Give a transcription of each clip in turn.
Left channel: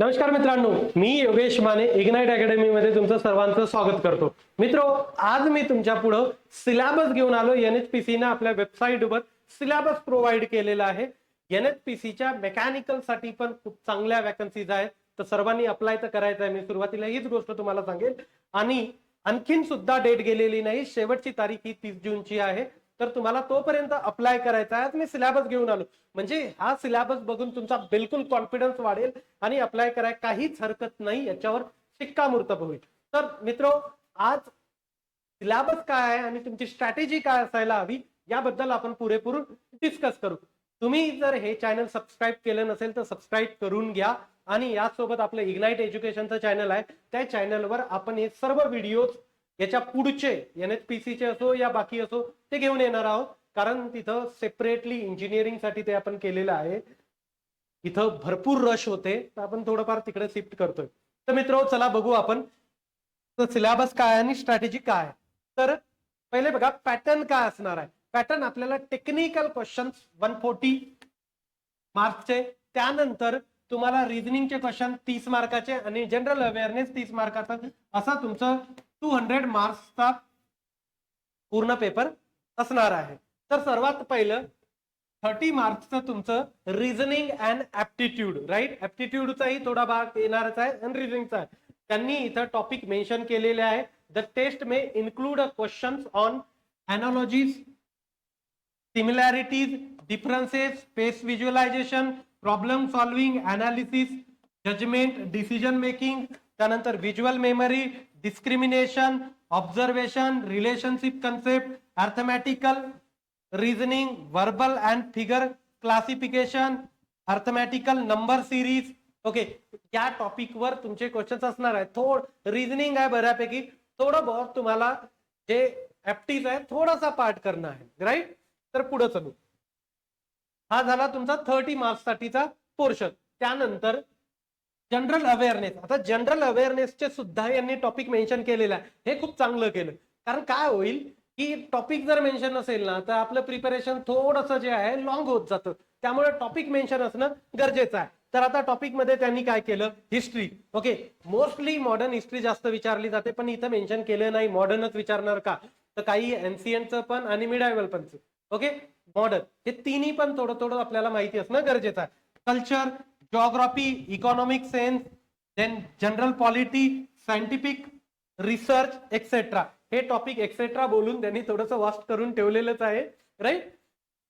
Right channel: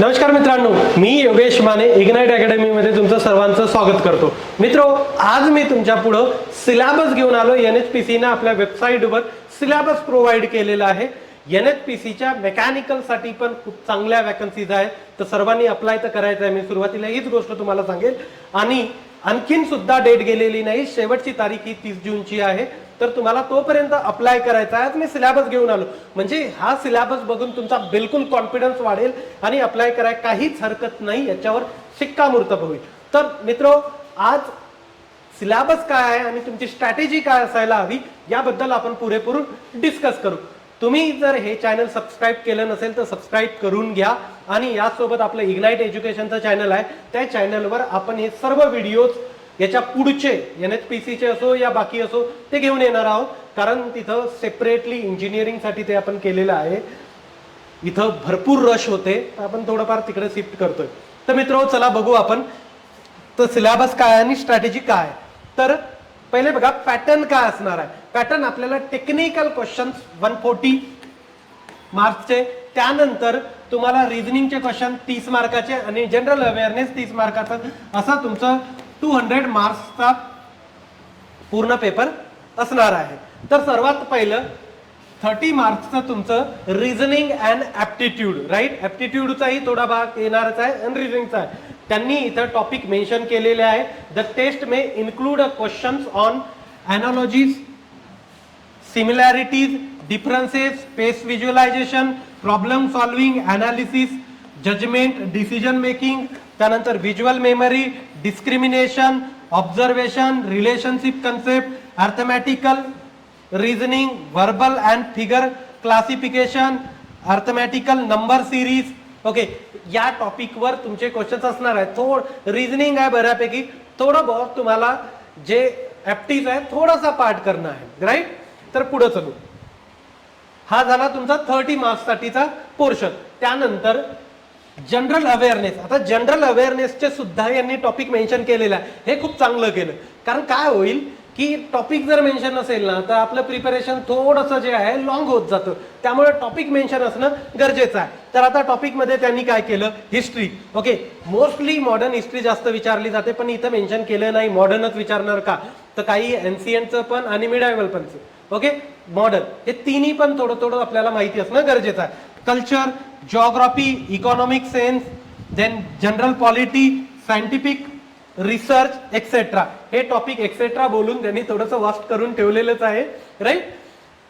नमस्कार मित्रांनो, मी Yogesh Mane ignite academy मध्ये तुमचं सर्वांचं स्वागत करतो. मित्रो, आज मी तुमच्या पुढे सिलेबस घेऊन आलो. NHPC ने आपल्या वेबसाईटवर सिलेबस प्रोव्हाइड केलेला आहे. NHPC च्या मेकॅनिकल साठी पण खूप चांगल्या वॅकन्सीज आहेत, तर सर्वांनी अप्लाय तर करायचं आहे. मी सुरुवातीला हीच गोष्ट तुम्हाला सांगेल. आणि आणखीन सुद्धा डेट गेलेली नाही, शेवटची तारीख ही 30 जूनची आहे. तर तुम्हाला तोपर्यंत अप्लाय करायचा आहे. मी सिलेबस घेऊन आलो, म्हणजे हा सिलेबस बघून तुमचा बिलकुल कॉन्फिडन्स वाढेल आणि अप्लाय करायला काहीच हरकत नाही, याच्यावर शिक्कामोर्तब होईल. तर मित्रो, आज सिलेबस काय आहे आणि तुमची स्ट्रॅटेजी काय असायला हवी याबद्दल आपण पुरेपूर डिस्कस करू. तुम्ही जर हे चॅनल सबस्क्राईब केलं नसेल तर सबस्क्राईब करून घ्या. आणि यासोबत आपलं इग्नाइट एज्युकेशनचं चॅनल आहे, त्या चॅनलवर आपण हे सर्व व्हिडिओज याच्या पुढचे NHPC चे असो या बाकी असो ते घेऊन येणार आहोत. कारण तिथं सेपरेटली इंजिनिअरिंग साठी ते आपण केलेलं आहे. इथं भरपूर रश होते, तर आपण थोडंफार तिकडे शिफ्ट करतोय. तर मित्रो, चला बघू आपण तर सिलेबस काय आणि स्ट्रॅटेजी काय. तर पहिले बघा, पॅटर्न काय असणार आहे. पॅटर्न आपल्याला टेक्निकल क्वेश्चन्स 140 मार्क्सचे, त्यानंतर तुम्हाला रिझनिंगचे क्वेश्चन 30 मार्काचे आणि जनरल अवेअरनेस 30 मार्काचा, असा तुमचं 200 मार्क्सचा पूर्ण पेपर असणार आहे. तर सर्वात पहिलं 30 मार्क्सचं तुमचं रिझनिंग अँड ऍप्टिट्यूड, राईट. ऍप्टिट्यूडचाही थोडा भाग येणारच आहे आणि रिझनिंगचा आहे. त्यांनी इथं टॉपिक मेन्शन केलेले आहे. The test may include questions on analogies, similarities, differences, space visualisation, problem solving, analysis, judgement, decision making, त्यानंतर visual memory, discrimination, observation, relationship concept, arithmetical reasoning, verbal and figure classification, arithmetical number series. Okay, या topic वर तुमचे questions असणार आहेत. थोडं reasoning आहे बऱ्यापैकी, थोडं बहुत तुम्हाला जे ऍप्टिज आहे थोडासा पार्ट करणं आहे, राईट. तर पुढे चलू. हा झाला तुमचा 30 मार्क्स साठीचा पोर्शन. त्यानंतर जनरल अवेअरनेस. आता जनरल अवेअरनेसचे सुद्धा यांनी टॉपिक मेन्शन केलेला आहे. हे खूप चांगलं केलं, कारण काय होईल की टॉपिक जर मेन्शन असेल ना तर आपलं प्रिपरेशन थोडंसं जे आहे लॉंग होत जातं. त्यामुळे टॉपिक मेन्शन असणं गरजेचं आहे. तर आता टॉपिक मध्ये त्यांनी काय केलं, history. Okay, mostly modern history जास्त विचारली जाते, पण इथं मेन्शन केलं नाही मॉडर्नच विचारणार का, तर काही एन्शियंटचं पण आणि मिडायवल पण. ओके, मॉडर्न हे तिन्ही पण थोडं थोडं आपल्याला माहिती असणं गरजेचं आहे. Culture, geography, economic sense, then general polity, scientific research etcetera. हे टॉपिक एक्सेट्रा बोलून त्यांनी थोडंसं वास्ट करून ठेवलेलंच आहे, राईट.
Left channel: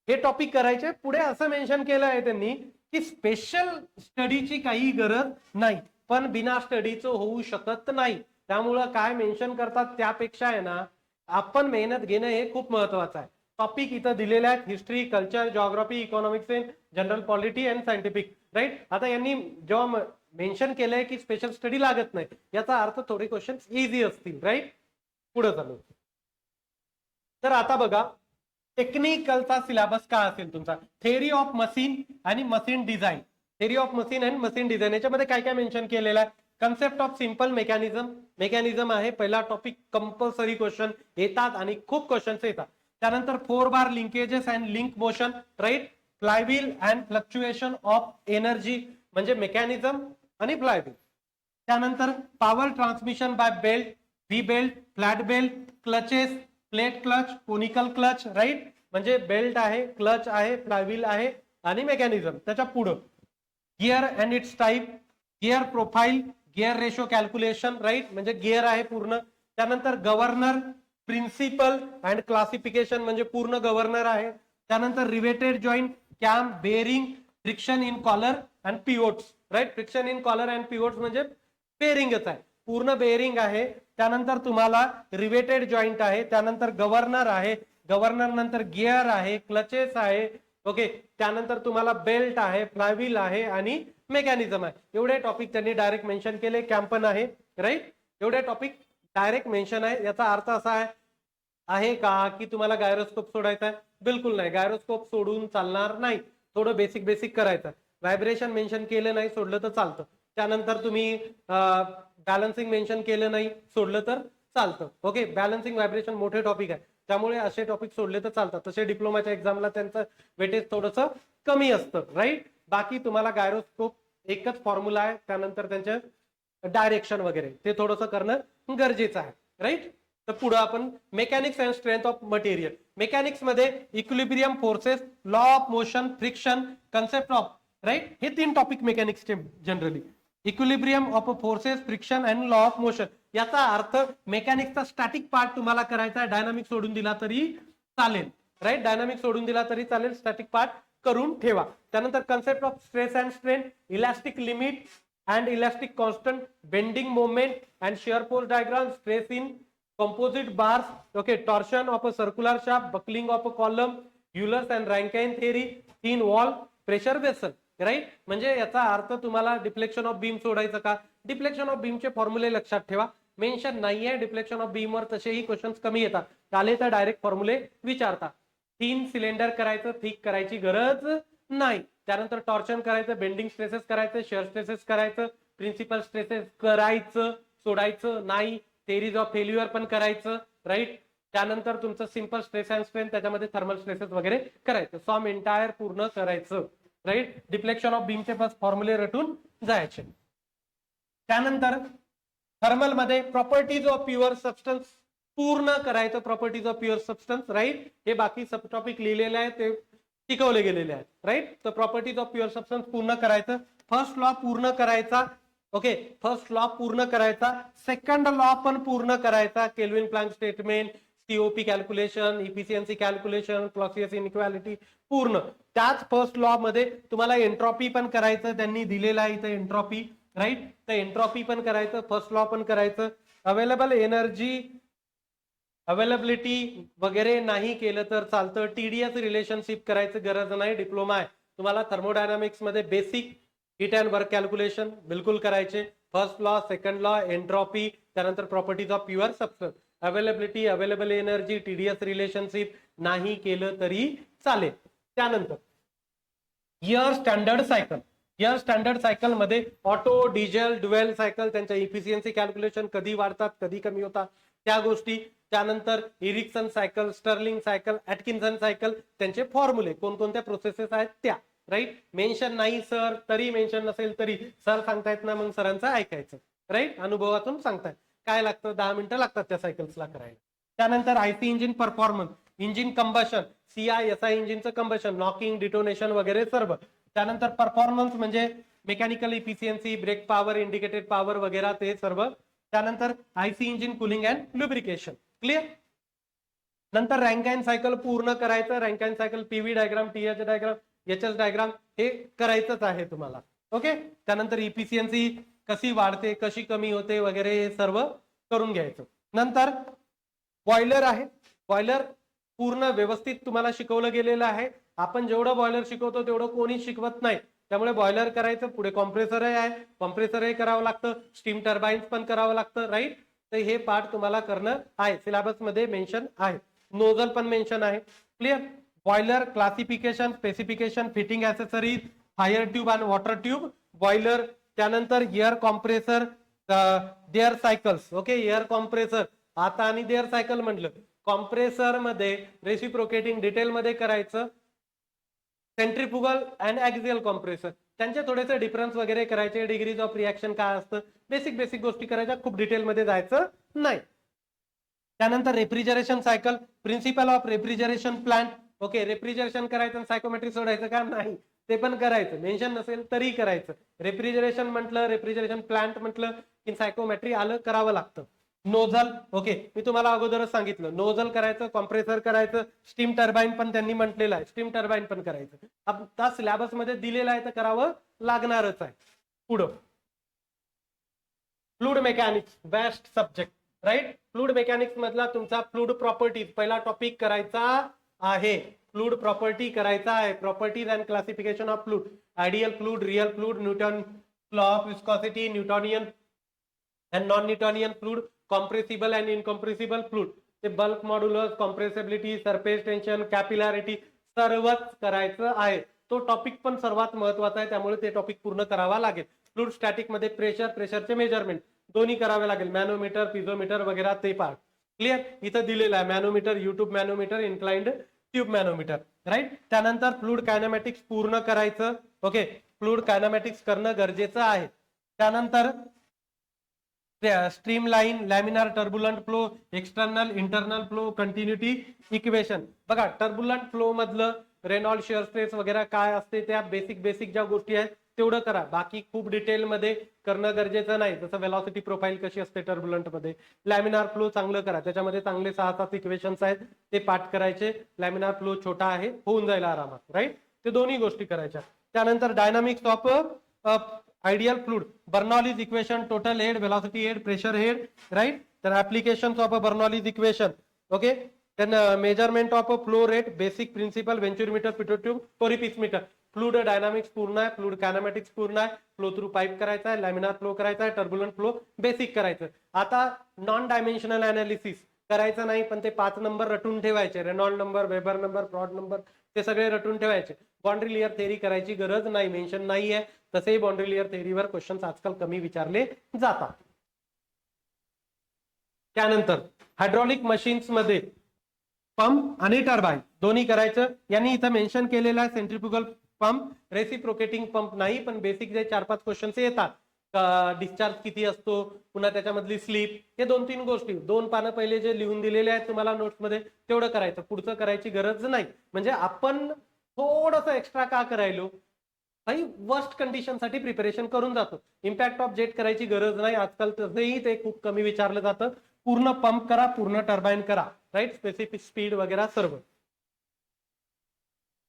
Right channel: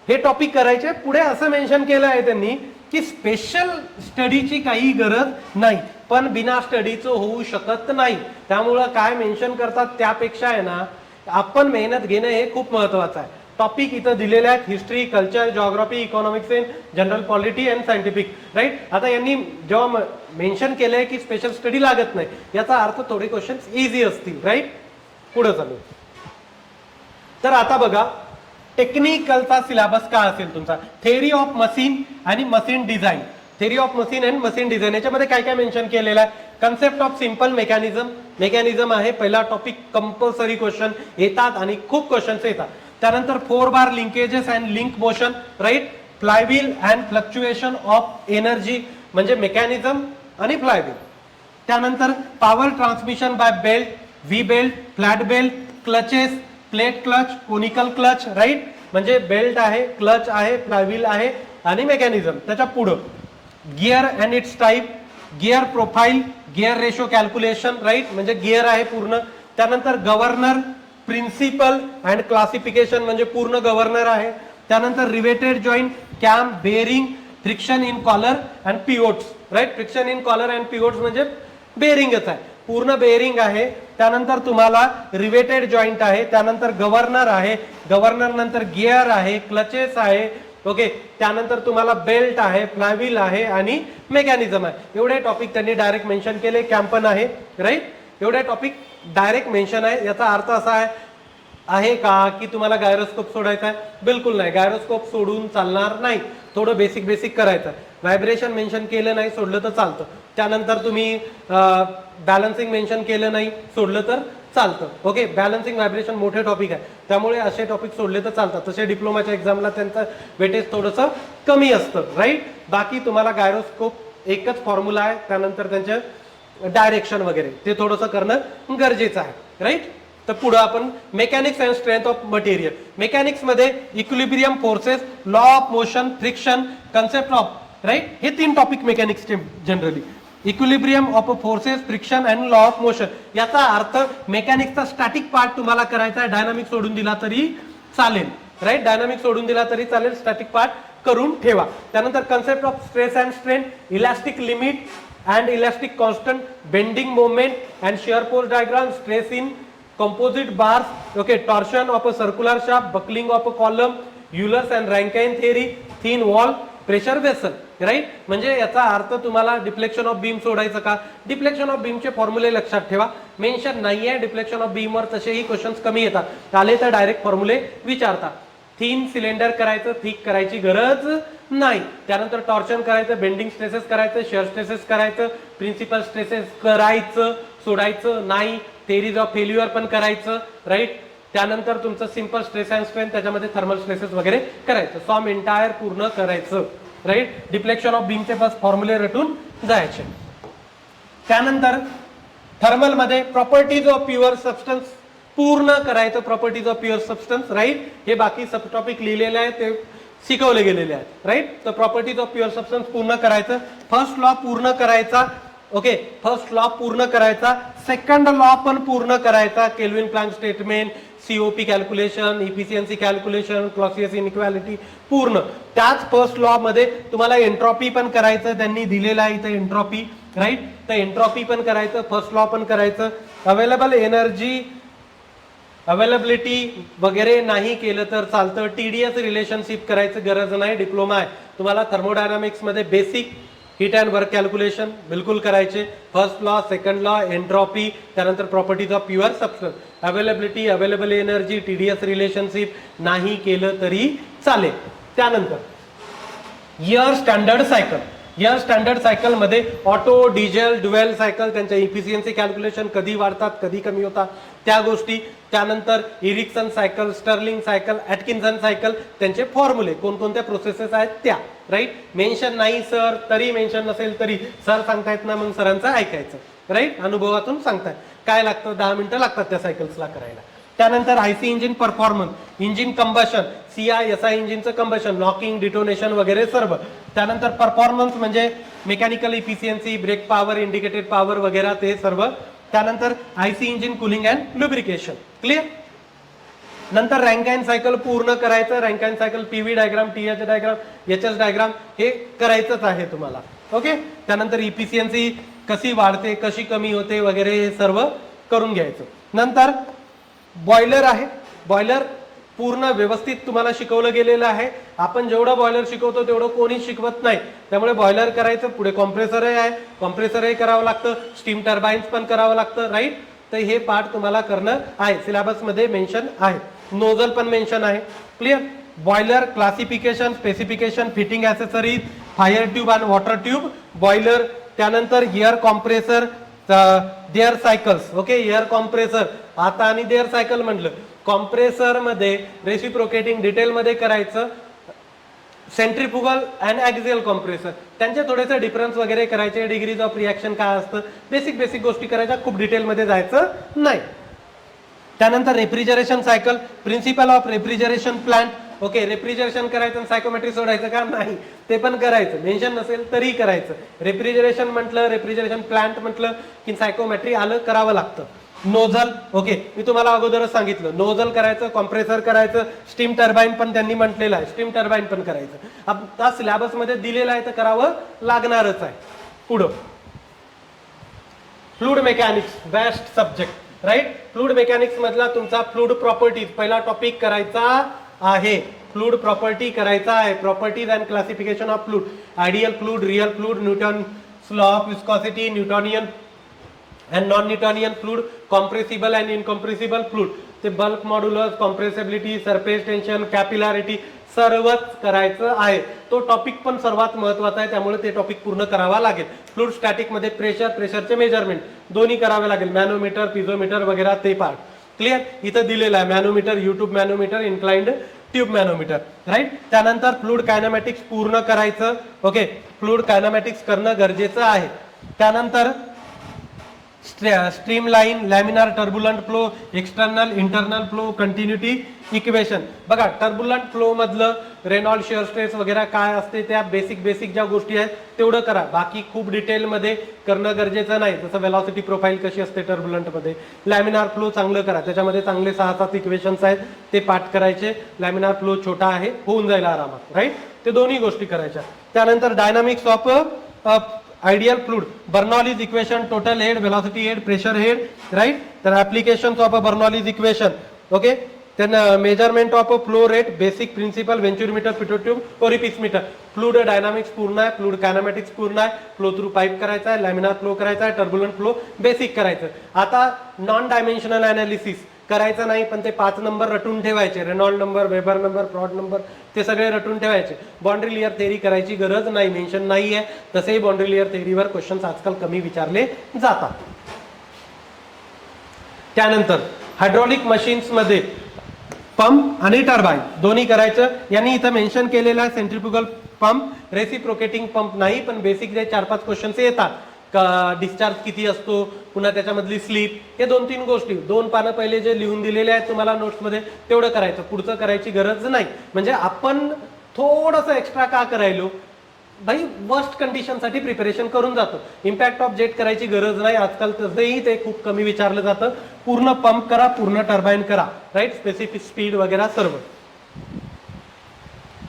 हे टॉपिक करायचे. पुढे असं मेन्शन केलं आहे त्यांनी की स्पेशल स्टडीची काही गरज नाही, पण बिना स्टडीचं होऊ शकत नाही. त्यामुळं काय मेन्शन करतात त्यापेक्षा आहे ना, आपण मेहनत घेणं हे खूप महत्वाचं आहे. टॉपिक इथं दिलेले आहेत, history, culture, geography, economic sense, general polity and scientific, right. आता यांनी जेव्हा मेन्शन केलंय की स्पेशल स्टडी लागत नाही, याचा अर्थ थोडे क्वेश्चन्स इझी असतील, राईट. पुढे चालू. तर आता बघा, टेक्निकलचा सिलेबस काय असेल तुमचा. थेअरी ऑफ मशीन आणि machine design. Theory of machine and machine design याच्यामध्ये काय काय मेन्शन केलेलं आहे. Concept of simple mechanism. Mechanism आहे पहिला टॉपिक. कंपल्सरी क्वेश्चन येतात आणि खूप क्वेश्चन्स येतात. त्यानंतर 4 bar linkages and link motion, right. Flywheel and fluctuation of energy, म्हणजे मेकॅनिझम आणि फ्लायव्हील. त्यानंतर power transmission by belt, V belt, flat belt, clutches, plate clutch, conical clutch, right. म्हणजे belt आहे, क्लच आहे, फ्लायव्हील आहे आणि मेकॅनिझम. त्याच्या पुढं gear and its type, gear profile, gear ratio calculation, right. म्हणजे गिअर आहे पूर्ण. त्यानंतर गव्हर्नर, प्रिन्सिपल अँड क्लासिफिकेशन, म्हणजे पूर्ण गव्हर्नर आहे. त्यानंतर riveted joint, cam, bearing, friction in collar and pivots, right. Friction in collar and pivots म्हणजे बेरिंगच आहे, पूर्ण बेरिंग आहे. त्यानंतर तुम्हाला रिवेटेड जॉईंट आहे. त्यानंतर गव्हर्नर आहे, गव्हर्नर नंतर गिअर आहे, क्लचेस आहे. ओके, त्यानंतर तुम्हाला बेल्ट आहे, फ्लायव्हील आहे आणि मेकॅनिझम आहे. एवढे टॉपिक त्यांनी डायरेक्ट मेन्शन केले. कॅम्पन आहे, राईट. एवढे टॉपिक डायरेक्ट मेन्शन आहे. याचा अर्थ असा आहे का की तुम्हाला गायरोस्कोप सोडायचा आहे? बिलकुल नाही, गायरोस्कोप सोडून चालणार नाही. थोडं बेसिक बेसिक करायचं. व्हायब्रेशन मेन्शन केलं नाही, सोडलं तर चालतं. त्यानंतर तुम्ही बॅलन्सिंग मेन्शन केलं नाही, सोडलं तर चालतं. ओके, बॅलन्सिंग व्हायब्रेशन मोठे टॉपिक आहे, त्यामुळे असे टॉपिक सोडले तर चालतात. तसे डिप्लोमाच्या एक्झामला त्यांचं वेटेज थोडंसं कमी असतं, राईट. बाकी तुम्हाला गायरोस्कोप एकच फॉर्म्युला आहे, त्यानंतर त्यांचे डायरेक्शन वगैरे ते थोडंसं करणं गरजेचं आहे, राईट. तर पुढे आपण mechanics and strength of material. Mechanics मध्ये equilibrium forces, law of motion, friction, concept of, right, हे 3 टॉपिक मेकॅनिक्सचे generally. Equilibrium of forces, friction and law of motion. याचा अर्थ मेकॅनिक्सचा स्टॅटिक पार्ट तुम्हाला करायचा आहे, डायनामिक सोडून दिला तरी चालेल, राईट. डायनामिक सोडून दिला तरी चालेल, स्टॅटिक पार्ट करून ठेवा. त्यानंतर concept of stress and strain, elastic limit and elastic constant, bending moment and shear force diagram, stress in composite bars, okay, torsion of a circular shaft, buckling of a column, Euler's and Rankine theory, thin wall, pressure vessel, right. म्हणजे याचा अर्थ तुम्हाला deflection of beam सोडायचं का, deflection of बीमचे फॉर्म्युले लक्षात ठेवा. Mention नाहीये डिफ्लेक्शन ऑफ बीम वर, तसेही क्वेश्चन्स कमी येतात, आले तर डायरेक्ट फॉर्म्युले विचारतात. थिन सिलेंडर करायचं, थिक करायची गरज नाही. त्यानंतर टॉर्शन करायचं, बेंडिंग स्ट्रेसेस करायचं, शिअर स्ट्रेसेस करायचं, प्रिन्सिपल स्ट्रेसेस करायचं, सोडायचं नाही. थेरीज ऑफ फेल्युअर पण करायचं, राईट. त्यानंतर तुमचं सिंपल स्ट्रेस अँड स्ट्रेन, त्याच्यामध्ये थर्मल स्ट्रेसेस वगैरे करायचं, सॉम एंटायर पूर्ण करायचं, राईट. डिफ्लेक्शन ऑफ बीमचे बस फॉर्म्युले रटून जायचे. त्यानंतर थर्मल मध्ये प्रॉपर्टीज ऑफ प्युअर सबस्टन्स पूर्ण करायचं, properties of pure substance, right. हे बाकी सब टॉपिक लिहिलेले आहेत, ते शिकवले गेलेले आहेत, राईट. तर प्रॉपर्टीज ऑफ प्युअर सबस्टन्स पूर्ण करायचं. फर्स्ट लॉ पूर्ण करायचा, ओके, फर्स्ट लॉ पूर्ण करायचा. सेकंड लॉ पण पूर्ण करायचा, kelvin plank statement, COP calculation, efficiency calculation, Clausius inequality पूर्ण. त्याच फर्स्ट लॉ मध्ये तुम्हाला एंट्रॉपी पण करायचं, त्यांनी दिलेलं आहे इथे एंट्रॉपी, राईट. तर एंट्रॉपी पण करायचं, फर्स्ट लॉ पण करायचं. अवेलेबल एनर्जी अवेलेबिलिटी वगैरे नाही केलं तर चालतं. टीडीएस रिलेशनशिप करायचं गरज नाही, डिप्लोमा आहे तुम्हाला थर्मोडायनामिक्स मध्ये. Basic heat and work calculation बिलकुल करायचे. First law, second law, entropy, त्यानंतर properties of pure substance, availability, available energy, TDS relationship नाही केलं तरी चालेल. त्यानंतर air standard cycle. Air standard cycle मध्ये ऑटो, डिझेल, ड्युएल सायकल, त्यांच्या इफिशियन्सी कॅल्क्युलेशन कधी वाढतात, कधी कमी होतात, त्या गोष्टी. त्यानंतर Ericsson cycle, Stirling cycle, Atkinson cycle, त्यांचे फॉर्म्युले, कोणकोणत्या प्रोसेसेस आहेत त्या, राईट. मेन्शन नाही सर तरी, मेन्शन नसेल तरी, सर सांगतायत ना मग सरांचं ऐकायचं, राईट. अनुभवातून सांगतायत. काय लागतं, 10 मिनिटं लागतात त्या सायकल्सला करायला. त्यानंतर IC engine performance, engine combustion, CI इंजिनचं कंबशन, लॉकिंग, डिटोनेशन वगैरे सर्व. त्यानंतर परफॉर्मन्स म्हणजे mechanical efficiency, brake power, indicated power वगैरे ते सर्व. त्यानंतर IC engine cooling and lubrication, clear. नंतर रँकाइन सायकल पूर्ण करायचं. Rankine cycle PV diagram, TH diagram, HS diagram हे करायचंच आहे तुम्हाला, ओके. त्यानंतर इफिशियन्सी कशी वाढते, कशी कमी होते वगैरे हे सर्व करून घ्यायचं. नंतर बॉयलर आहे. बॉयलर पूर्ण व्यवस्थित तुम्हाला शिकवलं गेलेलं आहे. आपण जेवढं बॉयलर शिकवतो तेवढं कोणी शिकवत नाही, त्यामुळे बॉयलर करायचं. पुढे कॉम्प्रेसरही आहे, कॉम्प्रेसरही करावं लागतं, स्टीम टर्बाईन्स पण करावं लागतं, राईट. तर हे पार्ट तुम्हाला करणं आहे, सिलेबस मध्ये मेन्शन आहे. नोझल पण मेन्शन आहे, clear. Boiler classification, specification, fitting accessories, fire tube आणि वॉटर ट्यूब, बॉयलर. त्यानंतर air compressor, their cycles, okay. Air compressor आता आणि देअर सायकल म्हटलं. कॉम्प्रेसर मध्ये रेसिप्रोकेटिंग डिटेल मध्ये करायचं. सेंट्रिफ्युगल अँड ॲक्सियल कॉम्प्रेसर, त्यांचे थोडेसे डिफरन्स वगैरे करायचे. डिग्रीज ऑफ रिॲक्शन काय असतं, बेसिक गोष्टी करायच्या, खूप डिटेल मध्ये जायचं नाही. त्यानंतर refrigeration cycle, principle of refrigeration plant, okay. Refrigeration करायचं, सायकोमेट्री सोडायचं का नाही, ते पण करायचं, मेन्शन नसेल तरी करायचं. रेफ्रिजरेशन म्हटलं, रेफ्रिजरेशन प्लांट म्हटलं की सायकोमेट्री आलं, करावं लागतं. नोझल, ओके, मी तुम्हाला अगोदरच सांगितलं, नोझल करायचं, कॉम्प्रेसर करायचं, स्टीम टर्बाईन पण त्यांनी म्हटलेलं आहे, स्टीम टर्बाईन पण करायचं. आता सिलेबस मध्ये दिलेलं आहे तर करावं लागणारच आहे. पुढं fluid mechanics, best subject, right. Fluid mechanics मधला तुमचा फ्लूइड प्रॉपर्टीज पहिला टॉपिक करायचा आहे. फ्लूइड प्रॉपर्टी करायचा आहे. Properties and classification of fluid, ideal fluid, real fluid, Newton law of viscosity, Newtonian and non-Newtonian fluid, compressible and incompressible fluid, ते bulk modulus, compressibility, surface tension, capillarity सर्वच करायचं आहे. तो टॉपिक पण सर्वात महत्वाचा आहे, त्यामुळे ते टॉपिक पूर्ण करावा लागेल. फ्लूइड स्टॅटिक मध्ये प्रेशर, प्रेशरचे मेजरमेंट दोन्ही करावे लागेल. मॅनोमीटर, पिझोमीटर वगैरे ते पार्ट क्लिअर इथं दिलेलं आहे. मॅनोमीटर, युट्यूब मॅनोमीटर, इन्क्लाइंड ट्यूब मॅनोमीटर, राईट. त्यानंतर फ्लुइड कायनेमॅटिक्स पूर्ण करायचं. ओके, फ्लुइड कायनेमॅटिक्स करणं गरजेचं आहे. त्यानंतर streamline, laminar turbulent flow, external internal flow, continuity equation. बघा, टर्ब्युलंट फ्लो मधलं रेनॉल्ड शिअर स्ट्रेस वगैरे काय असते त्या बेसिक ज्या गोष्टी आहेत तेवढं करा. बाकी खूप डिटेल मध्ये करणं गरजेचं नाही. जसं वेलॉसिटी प्रोफाईल कशी असते टर्ब्युलंट मध्ये, लॅमिनार फ्लो चांगलं करा, त्याच्यामध्ये चांगले 6-7 इक्वेशन्स आहेत ते पाठ करायचे. लॅमिनार फ्लो छोटा आहे, होऊन जाईल आरामात, राईट. ते दोन्ही गोष्टी करायच्या. त्यानंतर dynamics of ideal fluid, Bernoulli's equation, total head, velocity head, pressure head, right. तर applications of Bernoulli's equation. Okay, then measurement of a flow rate, basic principle, venturimeter, pitot-tube, orifice meter. Fluid dynamics पूर्ण आहे, fluid कायनेमॅटिक्स पूर्ण आहे, flow through pipe करायचा आहे, laminar flow करायचा आहे, turbulent flow basic करायचं. आता नॉन डायमेन्शनल अनालिसिस करायचं नाही, पण ते 5 नंबर रटून ठेवायचे. Reynold number, Weber number, Froude number ते सगळे रटून ठेवायचे. बाउंड्री लेयर थेअरी करायची गरज नाही, मेन्शन नाहीये. तसेही बाउंड्री लेयर थेअरीवर क्वेश्चन्स आजकाल कमी विचारले जातात. त्यानंतर हायड्रॉलिक मशीन्स मध्ये पंप आणि टर्बाईन दोन्ही करायचं. यांनी इथं मेन्शन केलेलं आहे सेंट्रिफ्युगल पंप, रेसिप्रोकेटिंग पंप नाही, पण बेसिक जे 4-5 क्वेश्चन्स येतात. डिस्चार्ज किती असतो, पुन्हा त्याच्यामधली स्लीप, हे 2-3 गोष्टी 2 पानं पहिले जे लिहून दिलेले आहेत तुम्हाला नोट्स मध्ये तेवढं करायचं, पुढचं करायची गरज नाही. म्हणजे आपण थोडंसं एक्स्ट्रा का करायलो भाई, वर्स्ट कंडिशन साठी प्रिपरेशन करून जातो. इम्पॅक्ट ऑफ जेट करायची गरज नाही आजकाल, तसंही ते खूप कमी विचारलं जातं. पूर्ण पंप करा, पूर्ण टर्बाईन करा, राईट. स्पेसिफिक स्पीड वगैरे सर्व.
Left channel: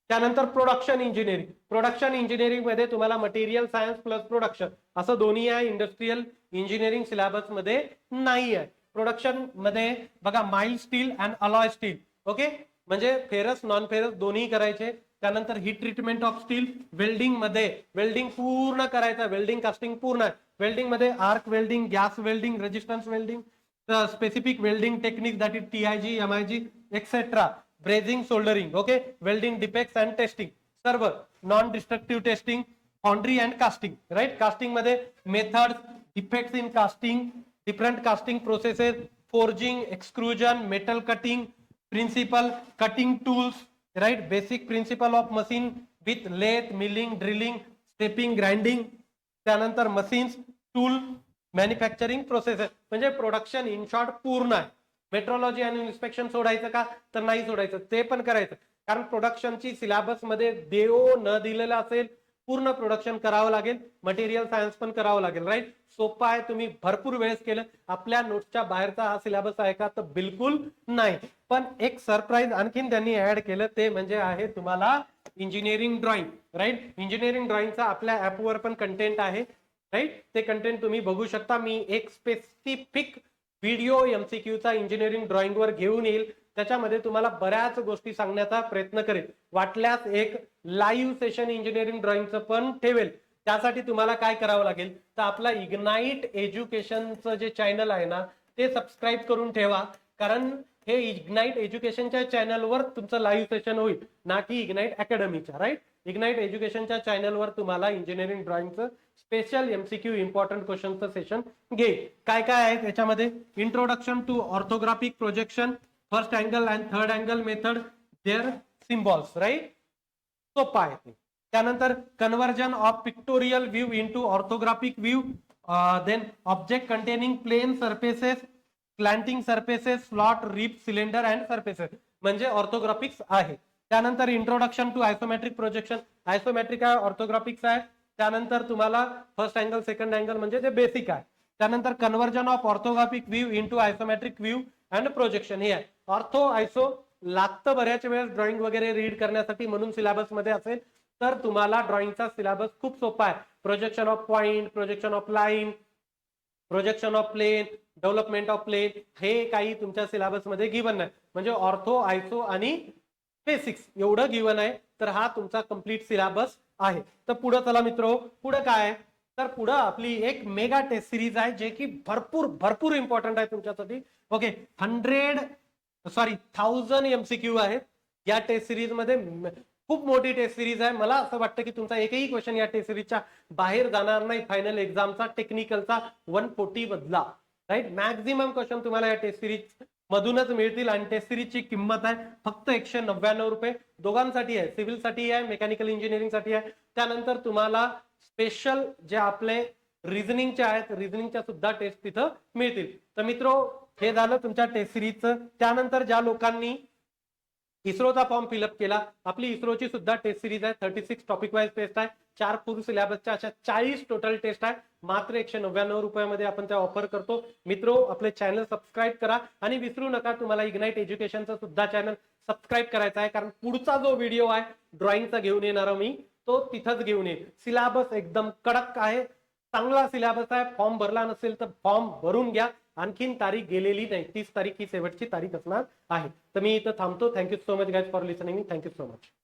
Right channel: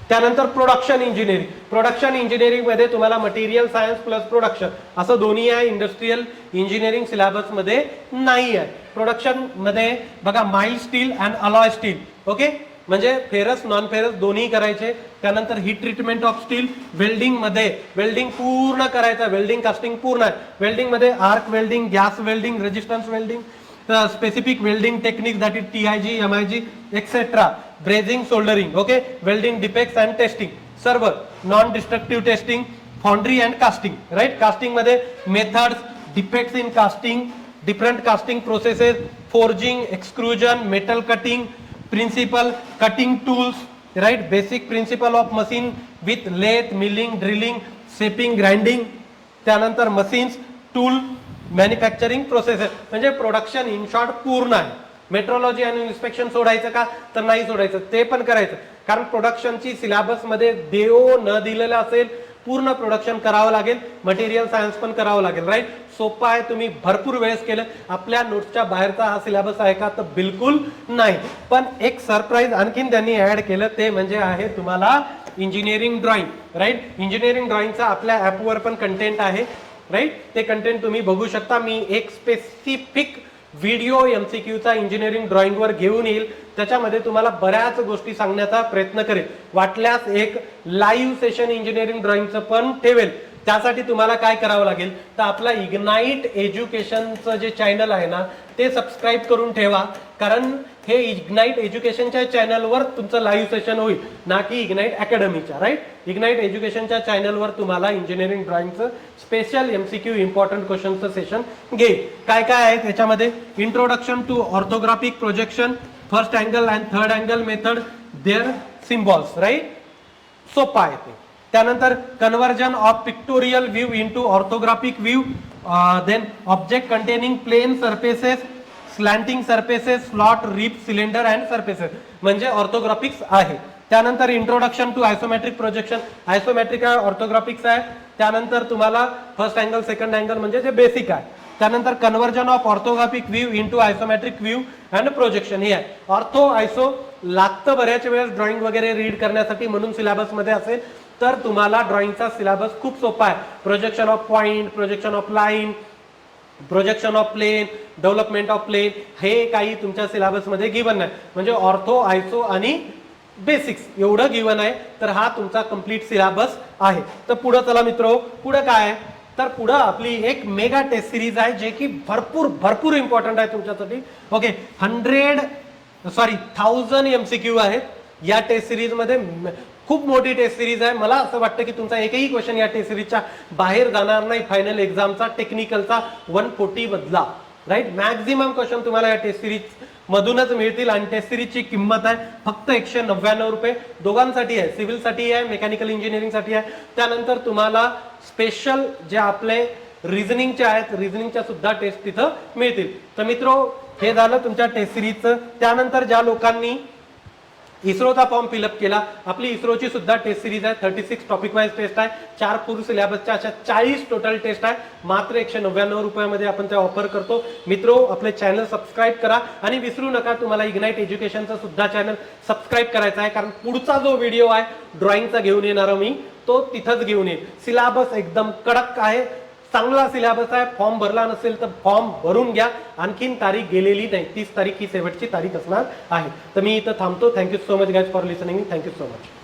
त्यानंतर प्रोडक्शन इंजिनिअरिंग. प्रोडक्शन इंजिनिअरिंग मध्ये तुम्हाला मटेरियल सायन्स प्लस प्रोडक्शन असं दोन्ही आहे. इंडस्ट्रियल इंजिनिअरिंग सिलेबस मध्ये नाही आहे. प्रोडक्शन मध्ये बघा, mild steel and alloy steel, okay, म्हणजे फेरस नॉन फेरस दोन्ही करायचे. त्यानंतर heat treatment of steel, welding मध्ये वेल्डिंग पूर्ण करायचं, वेल्डिंग कास्टिंग पूर्ण आहे. वेल्डिंग मध्ये arc welding, gas welding, resistance welding, specific welding technique that is TIG, MIG etcetera, brazing, soldering, okay, welding defects and testing, सर्व non destructive testing, foundry and casting, right. Casting मध्ये methods, defects in casting, different casting processes, forging, extrusion, metal cutting, principle, cutting tools, right. Basic principle of machine with lathe, milling, drilling, shaping, grinding. त्यानंतर machines, tool, manufacturing processes. म्हणजे production in short पूर्ण आहे. Metrology आणि inspection सोडायचं का, तर नाही सोडायचं, ते पण करायचं. कारण प्रोडक्शनची सिलेबस मध्ये देव न दिलेलं असेल, पूर्ण प्रोडक्शन करावं लागेल. मटेरियल सायन्स पण करावं लागेल, राईट. सोपं आहे, तुम्ही भरपूर वेळेस केलं. आपल्या नोट्सच्या बाहेरचा हा सिलेबस आहे का, तर बिलकुल नाही. पण एक सरप्राईज आणखीन त्यांनी ऍड केलं, ते म्हणजे आहे तुम्हाला इंजिनिअरिंग ड्रॉइंग, राईट. इंजिनिअरिंग ड्रॉइंगचा आपल्या ऍपवर पण कंटेंट आहे, राईट. ते कंटेंट तुम्ही बघू शकता. मी एक स्पेसिफिक व्हिडिओ MCQचा इंजिनिअरिंग ड्रॉइंग वर घेऊन येईल, त्याच्यामध्ये तुम्हाला बऱ्याच गोष्टी सांगण्याचा प्रयत्न करेल. वाटल्यास एक लाईव्ह सेशन इंजिनिअरिंग ड्रॉइंगचं पण ठेवेल. त्यासाठी तुम्हाला काय करावं लागेल, तर आपला इग्नाइट एज्युकेशनचं जे चॅनल आहे ना, ते सबस्क्राईब करून ठेवा. कारण हे इग्नाइट एज्युकेशनच्या चॅनलवर तुमचं लाईव्ह सेशन होईल, ना की इग्नाइट अकॅडमीच्या, राईट. इग्नाइट एज्युकेशनच्या चॅनलवर तुम्हाला इंजिनिअरिंग ड्रॉइंगचं स्पेशल MCQ इम्पॉर्टंट क्वेश्चनचं सेशन घेईल. काय काय आहे त्याच्यामध्ये, introduction to orthographic projection, first angle and third angle method, their symbols, right. सोपा आहे ते. त्यानंतर conversion of pictorial view into orthographic view, then object containing plane surfaces, slanting surfaces, slot, rib, cylinder and surfaces, म्हणजे orthographics आहे. त्यानंतर introduction to isometric projection, isometric आहे, ऑर्थोग्राफिक्स आहे. त्यानंतर तुम्हाला फर्स्ट अँगल सेकंड अँगल म्हणजे जे बेसिक आहे. त्यानंतर conversion of orthographic view into isometric view and projection, हे आहे. ऑर्थो आयसो लागतं बऱ्याच वेळेस ड्रॉइंग वगैरे रीड करण्यासाठी, म्हणून सिलेबस मध्ये असेल. तर तुम्हाला ड्रॉइंगचा सिलेबस खूप सोपा आहे. Projection of point, projection of line, projection of plane, development of plane, हे काही तुमच्या सिलेबस मध्ये गिवन आहे. म्हणजे ऑर्थो, आयसो आणि बेसिक्स एवढं गिवन आहे. तर हा तुमचा कंप्लीट सिलेबस आहे. तर पुढे चला मित्रो, पुढे काय आहे, तर पुढे आपली एक मेगा टेस्ट सिरीज आहे, जे की भरपूर इम्पॉर्टंट आहे तुमच्यासाठी. ओके, 1000 MCQ आहेत या टेस्ट सिरीज मध्ये. खूप मोठी टेस्ट सिरीज आहे. मला असं वाटतं की तुमचा एकही क्वेश्चन या टेस्ट सिरीजच्या बाहेर जाणार नाही. फायनल एक्झामचा टेक्निकलचा 140 मधला, राईट. मॅक्झिमम क्वेश्चन तुम्हाला या टेस्ट सिरीज मधूनच मिळतील आणि टेस्ट सिरीजची किंमत आहे फक्त 199 रुपये. दोघांसाठी आहे, सिव्हिल साठी आहे, मेकॅनिकल इंजिनिअरिंग साठी आहे. त्यानंतर तुम्हाला स्पेशल जे आपले रिझनिंगचे आहेत, रिझनिंगच्या सुद्धा टेस्ट तिथं मिळतील. तर मित्रो, हे झालं तुमच्या टेस्ट सिरीजचं. त्यानंतर ज्या लोकांनी इस्रोचा फॉर्म फिलअप केला, आपली इस्रोची सुद्धा टेस्ट सिरीज आहे. 36 टॉपिक वाईज टेस्ट आहे, 4 पूर्ण सिलेबसच्या अशा 40 टोटल टेस्ट आहे. मात्र 199 रुपयामध्ये आपण त्या ऑफर करतो. मित्रो, आपले चॅनल सबस्क्राईब करा आणि विसरू नका तुम्हाला इग्नाइट एज्युकेशनचा सुद्धा चॅनल सबस्क्राईब करायचा आहे, कारण पुढचा जो व्हिडिओ आहे ड्रॉइंगचा घेऊन येणार मी, तो तिथंच घेऊन येईल. सिलेबस एकदम कडक आहे, चांगला सिलेबस आहे. फॉर्म भरला नसेल तर फॉर्म भरून घ्या. आणखीन तारीख गेलेली नाही, 30 तारीख ही शेवटची तारीख असणार आहे. तर मी इथं थांबतो. Thank you so much guys for listening. Thank you so much.